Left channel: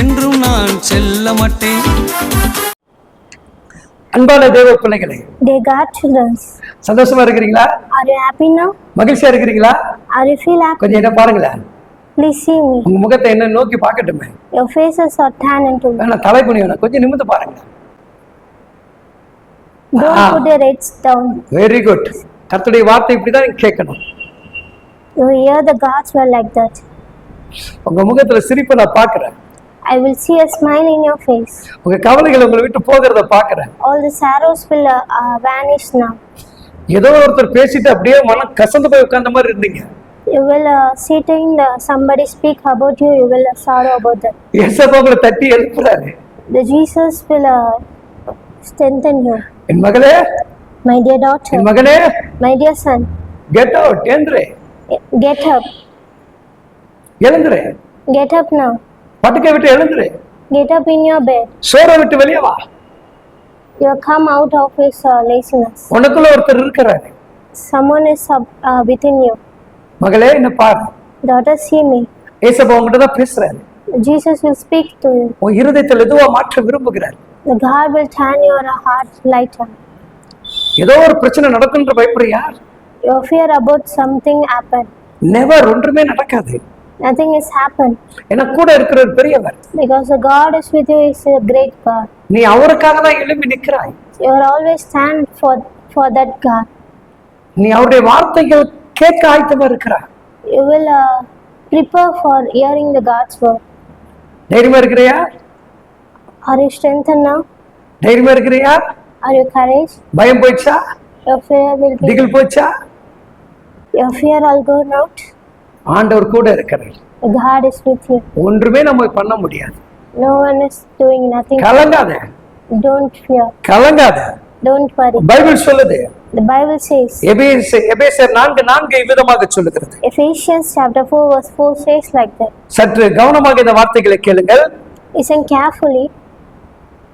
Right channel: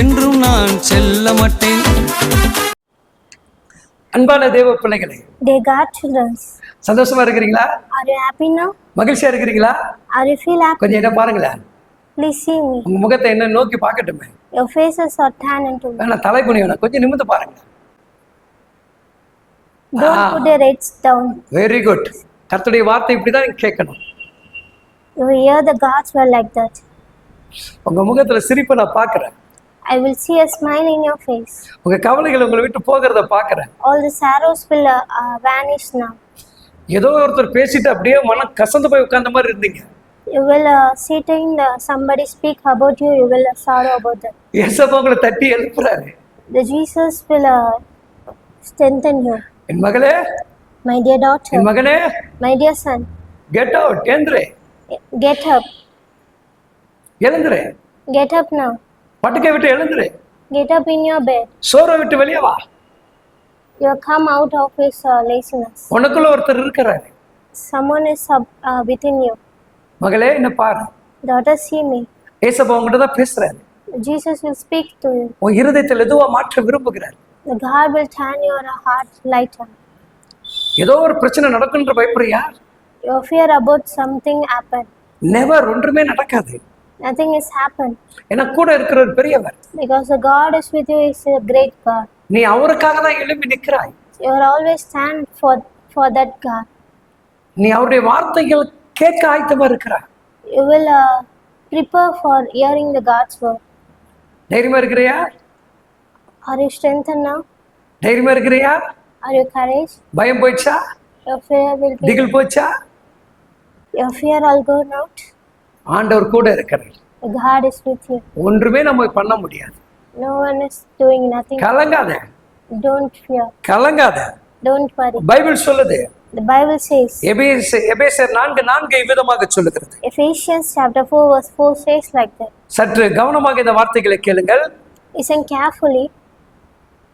என்றும் நான் செல்ல மாட்டேன். அன்பான தேவ பிள்ளைகளே, Dear God children, சந்தோஷமா இருக்கிறீங்களா? are you happy now? மகிழ்ச்சியா இருக்கிறீங்களா? Are you feel happy? கொஞ்சம் என்ன பாருங்களேன். Please see me. உங்க முகத்தை என்ன நோக்கி பார்க்கட்டுமே. Your faces are tan into me. நான் தலை குனியணும், கொஞ்சம் நிமிர்ந்து பாருங்க. Don't put your heads down. Very good. கர்த்தருடைய வார்த்தை இப்படிதான் நீங்க கேட்கணும். You hear the God's word like that. உங்க முகத்துல சிரிப்பை நான் பார்க்கிறேன். I will see a smile in your face. உங்க கவலைகள் உங்களை விட்டு போகிறத பார்க்கிறேன். All the sorrows will vanish now. ஏதோ ஒருத்தர் பேசிட்டு அப்படியே மனம் கசந்து போய் உட்கார்ந்த மாதிரி இருந்தீங்க. You will sitting somebody speak about you. You will sorrow about that. ஏசப்பா உங்களை தட்டி எழுப்புறாரு. The Jesus will strengthen you. என் மகளே, My dear daughter, என் மகனே, my dear son, get out, எழுந்துரு, get up. எழுந்துரு, Get up now. படுக்கை விட்டு எழுந்துரு, Get up in your bed. சோரை விட்டு வெளியே வா. You have come out of his laziness. உனக்குள்ள ஒருத்தர் இருக்கிறாரு. Someone is within you. மகளே, என்ன பாரு, Daughter, see me. ஏசப்பா உங்ககிட்ட தான் பேசுறாரு. Jesus will speak to you. உன் இருதயத்தில் எதுவா மாற்ற விரும்புகிறார். The God will turn your heart lighter. ஏதோ ஒரு பிரச்சனை நடக்குன்ற பயப்படுறியா? You fear about something happen. Never, ஒன்றுமே நடக்காது. Nothing has happened. ஏன்னா கூட இருக்கிற பெரியவர். Because the God is with you is a great God. நீ அவருக்காக தான் எழும்பி நிற்கிறாய். You are always stand for that God. நீ அவருடைய வார்த்தைகள் கேட்க ஆயத்தமா இருக்கிறாய். You will prepare for hearing the God's word. தைரியமா இருக்கிறியா? Are you strengthened now? தைரியமா இருக்கிறியா? Are you courage? பயம் போயிடுச்சா? Your fear will be. திகில் போயிடுச்சா? Your fear all go out. ஆண்டவர் கூட இருக்கிறார். The God is with you. ஒன்றுமே நம்ம பண்ண முடியாது. No one is doing nothing. கலங்காத, Don't fear. கலங்காத. Don't worry. பைபிள் சொல்லுது. The Bible says, எபேசியர் 4:4 இவ்விதமாக சொல்லுகிறது. Ephesians chapter 4 verse 4 says like that. சற்று கவனமாக இந்த வார்த்தைகளை கேளுங்கள். Listen carefully.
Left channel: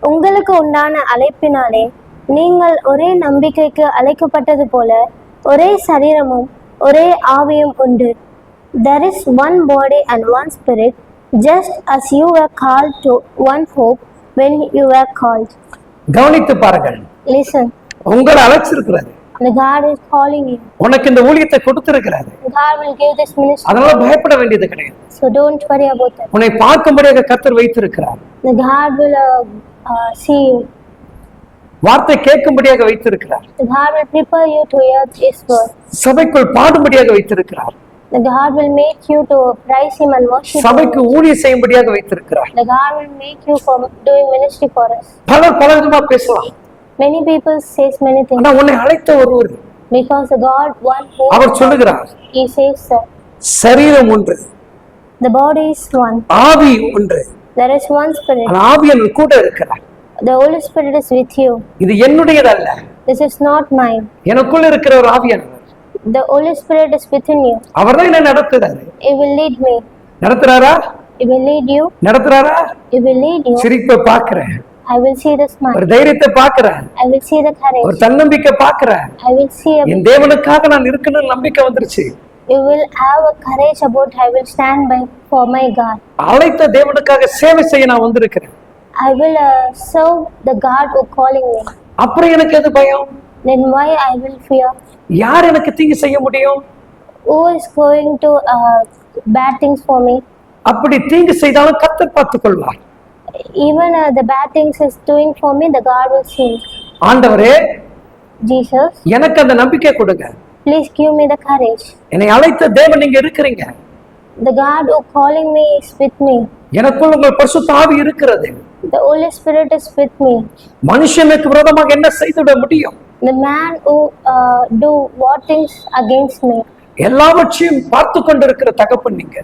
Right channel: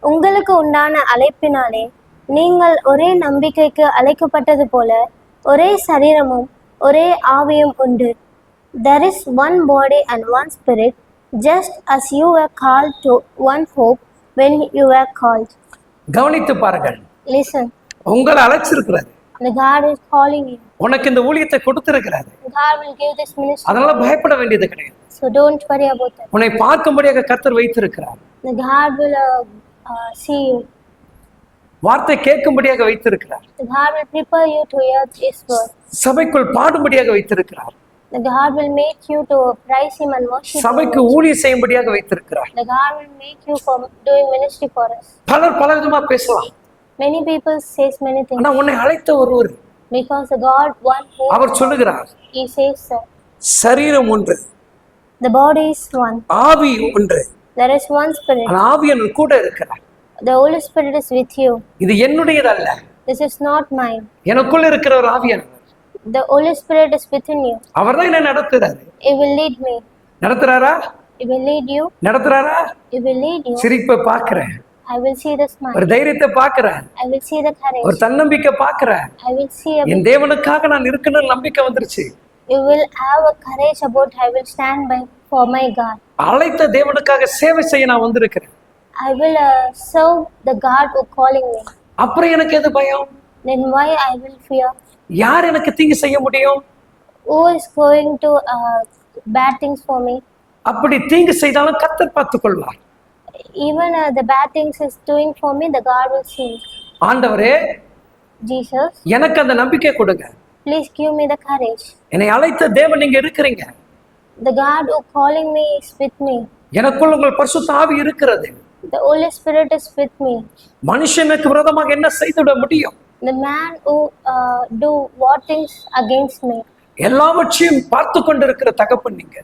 உங்களுக்கு உண்டான அழைப்பினாலே நீங்கள் ஒரே நம்பிக்கைக்கு அழைக்கப்பட்டது போல ஒரே சரீரமும் ஒரே ஆவியும் உண்டு. There is one body and one spirit, just as you were called to one hope when you were called. கவனித்து பாருங்கள். Listen. உங்களை அழைச்சிருக்கிறாரு. The God is calling you. உனக்கு இந்த ஊழியத்தை கொடுத்திருக்கிறாரு. God will give this ministry. அதனால பயப்பட வேண்டியது கிடையாது. So don't worry about that. உன்னை பார்க்கும்படியாக கர்த்தர் வைத்திருக்கிறார். The God will see you. வார்த்தை கேட்கும்படியாக வைத்திருக்கிறார். The God will prepare you to hear His word. சபைக்குள் பாடும்படியாக வைத்திருக்கிறார். The God will make you to praise Him and worship சபைக்கு Him. ஊழியம் செய்யும்படியாக வைத்திருக்கிறார். The God will make you for doing ministry for us. பலர் பல விதமா பேசலாம். Many people says many things. ஆனா உன்னை அழைத்த ஒருவர் Because the God one who அவர் சொல்லுகிறார். He says சரீரம் ஒன்று, the body is one. ஆவி ஒன்று. There is one spirit. ஆனா ஆவியானவர் கூட இருக்கிறார். The Holy Spirit is with you. இது என்னுடையது அல்ல. This is not mine. எனக்குள்ள இருக்கிற ஒரு ஆவியானவர். The Holy Spirit is within you. அவர்தான் என்னை நடத்துறாரு. He will lead me. நடத்துறாரா? He will lead you. நடத்துறாரா? He will lead you. சிரிப்பை பார்க்கிறேன். I will see the smile. ஒரு தைரியத்தை பார்க்கிறேன். I will see the courage. ஒரு தன்னம்பிக்கை பார்க்கிறேன். I will see என் தேவனுக்காக நான் இருக்கணும்னு நம்பிக்கை வந்துருச்சு. You will have a courage about I will stand by for my God. அழைத்த தேவனுக்காக சேவை செய்ய நான் வந்திருக்கிறேன். I will serve the God who calling me. அப்புறம் எனக்கு எது பயம்? Then why I will fear? யார் எனக்கு தீங்கு செய்ய முடியும்? Who is going to bad things for me? அப்படி தீங்கு செய்தாலும் கர்த்தர் பார்த்துக் கொள்வார். Even the bad things is doing for me, the God will see. ஆண்டவரே, Jesus, எனக்கு அந்த நம்பிக்கை கொடுங்க. please give me the courage. என்னை அழைத்த தேவன் நீங்க இருக்கிறீங்க. The God who calling me is with me. எனக்குள் உங்கள் பரிசுத்த ஆவி இருக்கிறது. The Holy Spirit is with me. மனுஷனுக்கு விரோதமாக என்ன செய்துவிட முடியும்? The man who do what things against me. எல்லாவற்றையும் பார்த்து கொண்டிருக்கிற தகப்பன் நீங்க.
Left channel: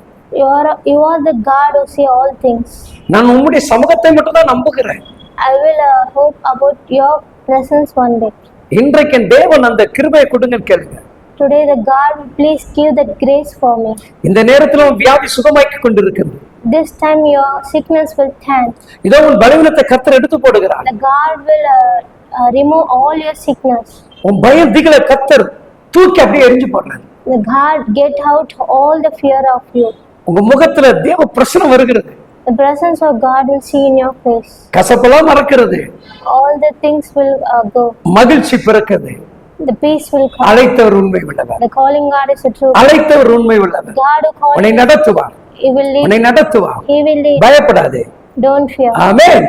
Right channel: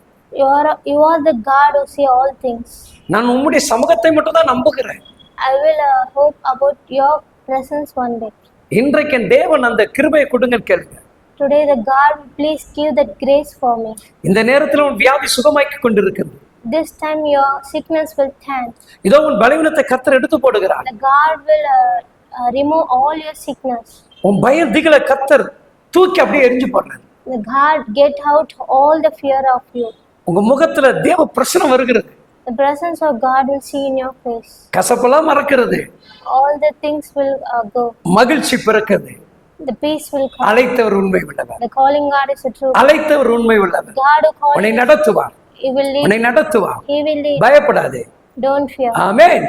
You are the God who see all things. நான் உம்முடைய சமூகத்தை மட்டும் தான் நம்புகிறேன். I will hope about your presence one day. இன்றைக்கு என் தேவன் அந்த கிருபையை கொடுங்கன்னு கேளுங்க. Today the God will please give that grace for me. இந்த நேரத்துல உன் வியாதி சுகமாக்கி கொண்டிருக்கிறது. This time your sickness will turn. இதோ உன் பலவீனத்தை கர்த்தர் எடுத்து போடுகிறார். The God will remove all your sickness. உன் பயம் திகில கர்த்தர் தூக்கி அப்படியே எரிஞ்சு போடுறார். The God get out all the fear of you. உங்க முகத்துல தேவ பிரசன்னம் வருகிறது. The presence of God will see in your face. கசப்பெல்லாம் மறக்கிறது, All the things will go. மகிழ்ச்சி பிறக்குது. The peace will come. அழைத்தவர் உண்மை உள்ளவர், The calling God is the truth. அழைத்தவர் உண்மை உள்ளவர். God who called உன்னை you, நடத்துவார், He will lead. உன்னை நடத்துவார். He will lead. பயப்படாதே. Don't fear. ஆமென்.